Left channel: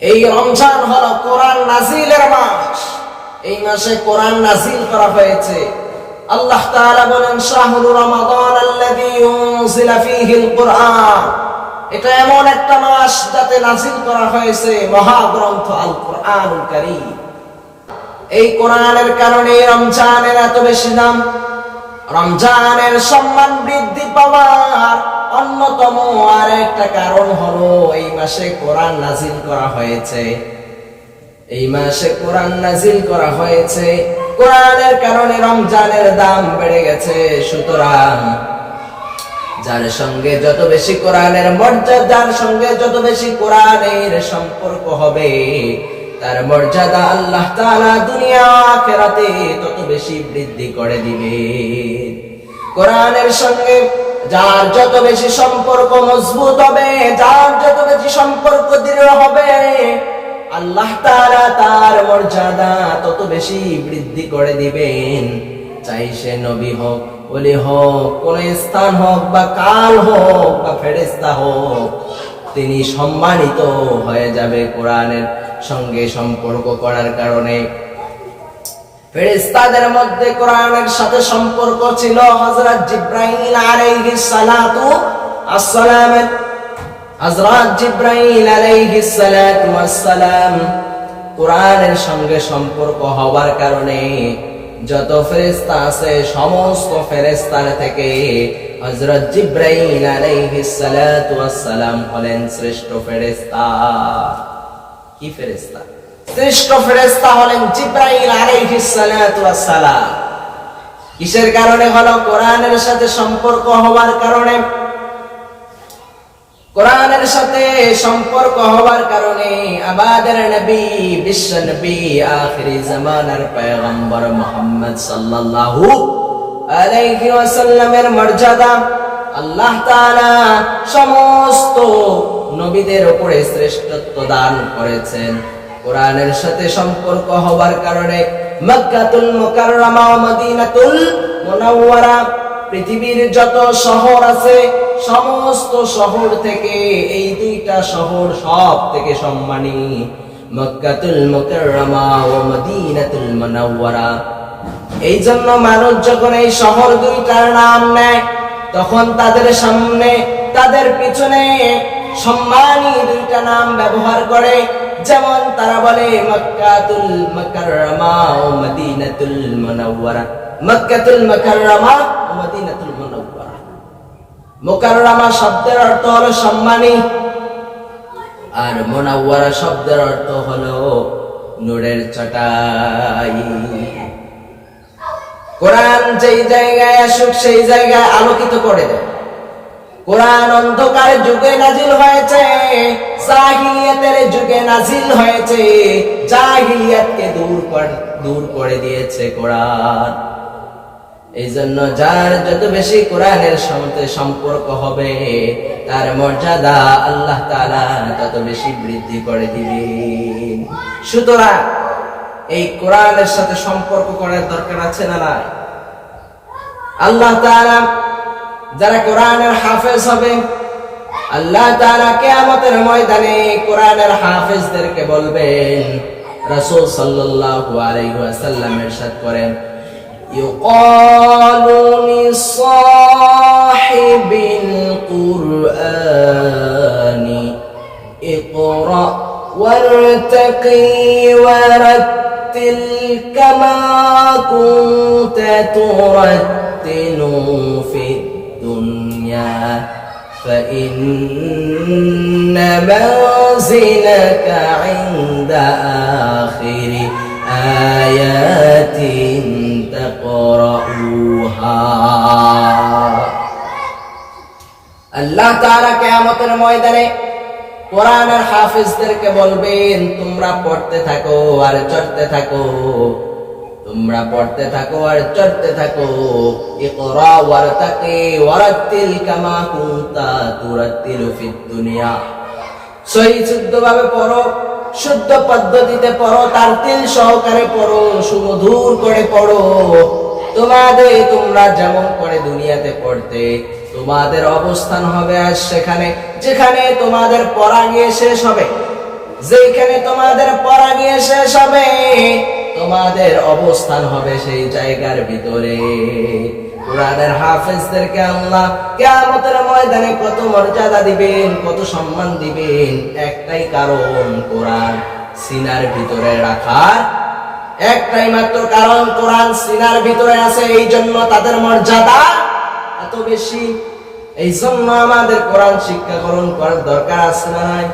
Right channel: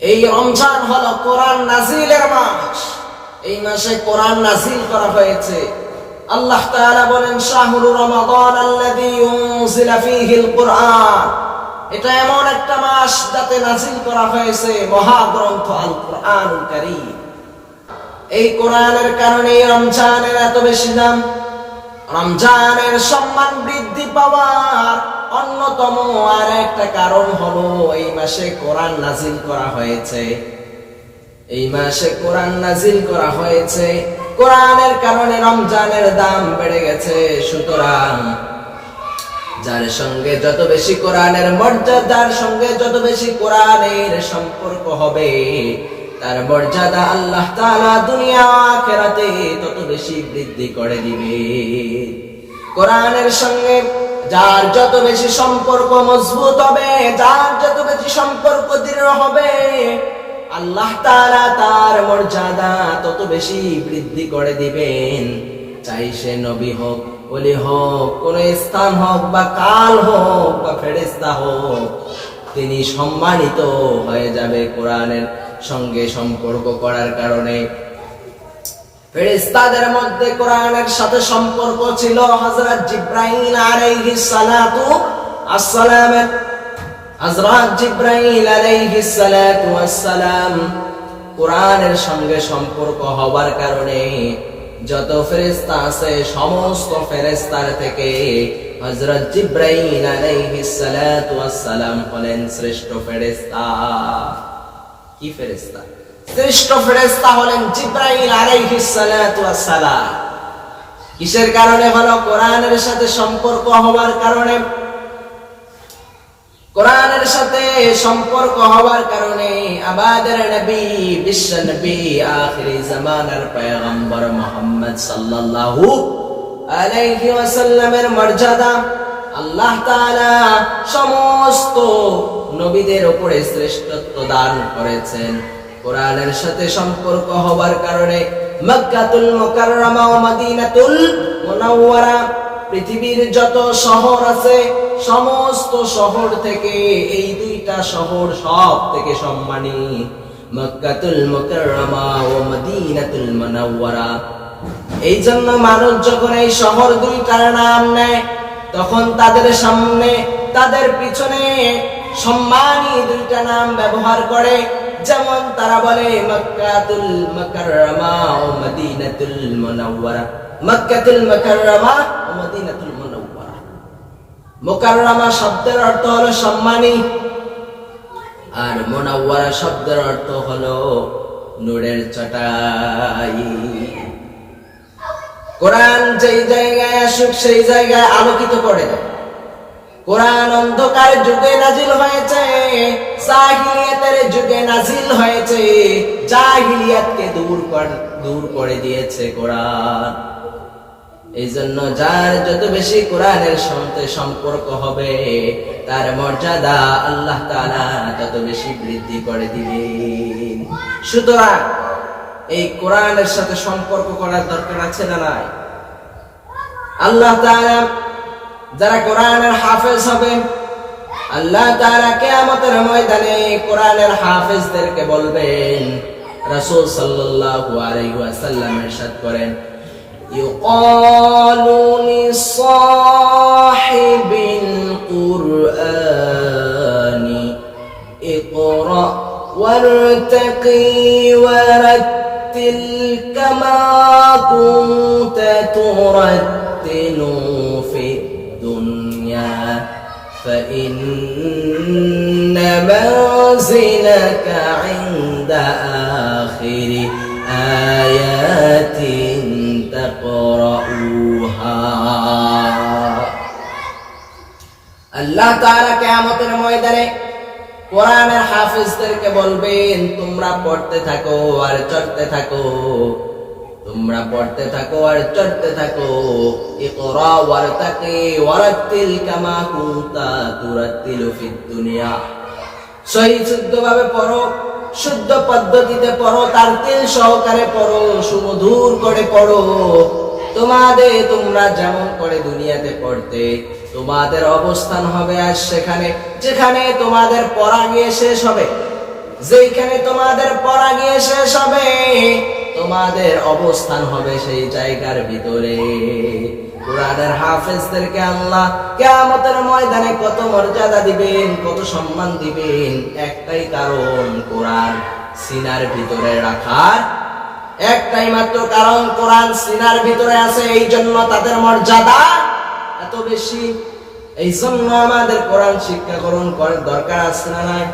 এই রমজান হলো কোরআন নাজিলের মাস। এই মাসে কোরআন নাজিল করা হয়েছে। আল্লাহ তাআলা বলেন, শাহরু রমাদান আল্লাযী উনজিলা ফীহিল কুরআন। এটা এমন একটা মাস যাতে নাজিল করা হয়েছে মহাগ্রন্থ আল কুরআনুল কারীম। এই কোরআনের কারণে রমজানের এত বেশি দাম। রমজানের সম্মান বৃদ্ধি পাওয়ার অন্যতম আর একটা কারণ হলো এই মাসে কোরআন নাজিল করা হয়েছে। এই মাসে কোরআন নাজিল করা হয়েছে, কোরআনের কারণে রমজানের দাম বেড়ে গেছে। সুতরাং যার সঙ্গে যত বেশি কোরআনের মর্যাদা, যার সঙ্গে যত বেশি কোরআনের সম্পর্ক হবে, তার মর্যাদা আল্লাহ তাআলা দুনিয়া আখিরাতে তত বেশি বৃদ্ধি করে দিবে। কোরআনের সঙ্গে যার যত বেশি সম্পর্ক মজবুত হবে, যার যত বেশি সম্পর্ক দৃঢ় হবে, আল্লাহ তাআলা তার মর্যাদা তত বেশি বৃদ্ধি করে দিবেন। চাই সে নবী হোক, ওলি হোক, কোন স্থান হোক বা কাল হোক বা ফেরেশতা হোক, তিনি সম্মানিত হয়ে যাবে কোরআনের সঙ্গে সম্পর্ক করার কারণে। ফেরেশতাদের মধ্যে কোরআনের সাথে সম্পর্ক ছিল হযরত জিবরাইল আলাইহিস সালাতু আসসালাম। হযরত জিবরাইল আলাইহিস সালাতু আসসালাম কোরআনের সঙ্গে সম্পর্ক হওয়ার কারণে যত ফেরেশতা আছে সমস্ত ফেরেশতার থেকে হযরত জিবরাইল আলাইহিস সালাতু আসসালাম হলেন শ্রেষ্ঠ ফেরেশতা। কি ফেরেশতা? শ্রেষ্ঠ ফেরেশতা হলেন জিবরাইল আলাইহিস সালাতু আসসালাম। কিসের কারণে হলো? কোরআনের সাথে সম্পর্ক হওয়ার কারণে। কোরআনের সাথে সম্পর্ক হওয়ার কারণে আমাদের নবী, বিশ্ব নবী, আখিরি জামানার পয়গম্বর মুহাম্মদ সাল্লাল্লাহু আলাইহি ওয়াসাল্লামের মর্যাদা আল্লাহ তাআলা সমস্ত নবীদের উপরে শ্রেষ্ঠত্ব দান করেছেন। কোরআনের সাথে সম্পর্ক হওয়ার কারণে মক্কাতুল মুকাররমা ও মদিনাতুল মুনাওয়ারা, পৃথিবীর যত শহর আছে সমস্ত শহর থেকে এই দুইটা শহর সব থেকে সম্মানী, মক্কাতুল মুকাররমা ও মদিনাতুল মুনাওয়ারা। এই জন্য মানুষ যখন এই শহর দুইটার নাম নেয়, তখন তাদের সামনে, তাদের পিছনে সম্মানী দুইটা নাম ব্যবহার করে। যেমন তারা বলে মক্কাতুল মুকাররমা ও মদিনাতুল মুনাওয়ারা। মক্কাতুল মুকাররমা ও মদিনাতুল মুনাওয়ারা। মুকাররমা শব্দের অর্থ হলো সম্মানী, আর মুনাওয়ারা শব্দের অর্থ হলো নূরের চটাই। কোরআন যেই জায়গায় আসুক সেই জায়গায় আলোকিত করে দেয়। কোরআন অন্ধকার যুগে নাজিল হয়েছে, জাহিলিয়াতের যুগে নাজিল হয়েছে, জাহিলিয়াতকে দূর করে দিয়েছে কোরআন। এই জন্য যার যত বেশি কোরআনের সাথে সম্পর্ক হবে, তার মর্যাদা আল্লাহ তাআলা তত বেশি বৃদ্ধি করে দিবেন। সুতরাং এই কোরআনের সাথে সম্পর্ক করার দরকার আছে না নাই? আল্লাহ তাআলা যারা কোরআনের হাফেজ হবে, আল্লাহ তাআলা কিয়ামতের ময়দানে কোরআনের হাফেজদেরকে বলবেন। রাসূল সাল্লাল্লাহু আলাইহি ওয়াসাল্লাম ইরশাদ করেন, ইউকালু লিসাহিবিল কুরআনি ইকরা ওয়ারতাকি ওয়ারাত্তিল কামা কুনতা তুরাত্তিলু ফিদ দুনিয়া فإن منزلك عند آخر آيات تقرؤها। আল্লাহ তাআলা কিয়ামতের ময়দানে কোরআনের হাফেজদেরকে বলবেন, তোমরা পড়তে থাকো আর চড়তে থাকো, তোমরা পড়তে থাকো আর চড়তে থাকো। ইকরা ওয়ারতাকি ওয়ারাত্তিল কামা কুনতা তুরাত্তিলু ফিদ দুনিয়া। সহি শুদ্ধভাবে পড়ো, শুদ্ধ পদ্ধতিতে পড়ো, তারতিল সহকারে পড়ো, সুমধুর করে পড়ো। তোমরা যেমন করে দুনিয়াতে পড়তে, তোমাদের অবস্থান হবে আজ সেখানে যেখানে তোমাদের পড়া গিয়ে শেষ হবে। যেখানে তোমাদের পড়া গিয়ে শেষ হবে, তোমাদের অবস্থান হবে সেই জায়গার ভিতরে। কোরআনের হাফেজদেরকে আল্লাহ কিয়ামতের ময়দানে কত মর্যাদা দিবেন, কত সম্মান দিবেন, একটাই কারণ, কোরআন সিনার ভিতরে রাখার একটাই মাত্র কারণ, কোরআন সিনার ভিতরে আছে, এই জন্য তাদের মর্যাদা এত বেশি। এই জন্য আমাদের কোরআন শিক্ষা গ্রহণ করার দরকার আছে না নাই?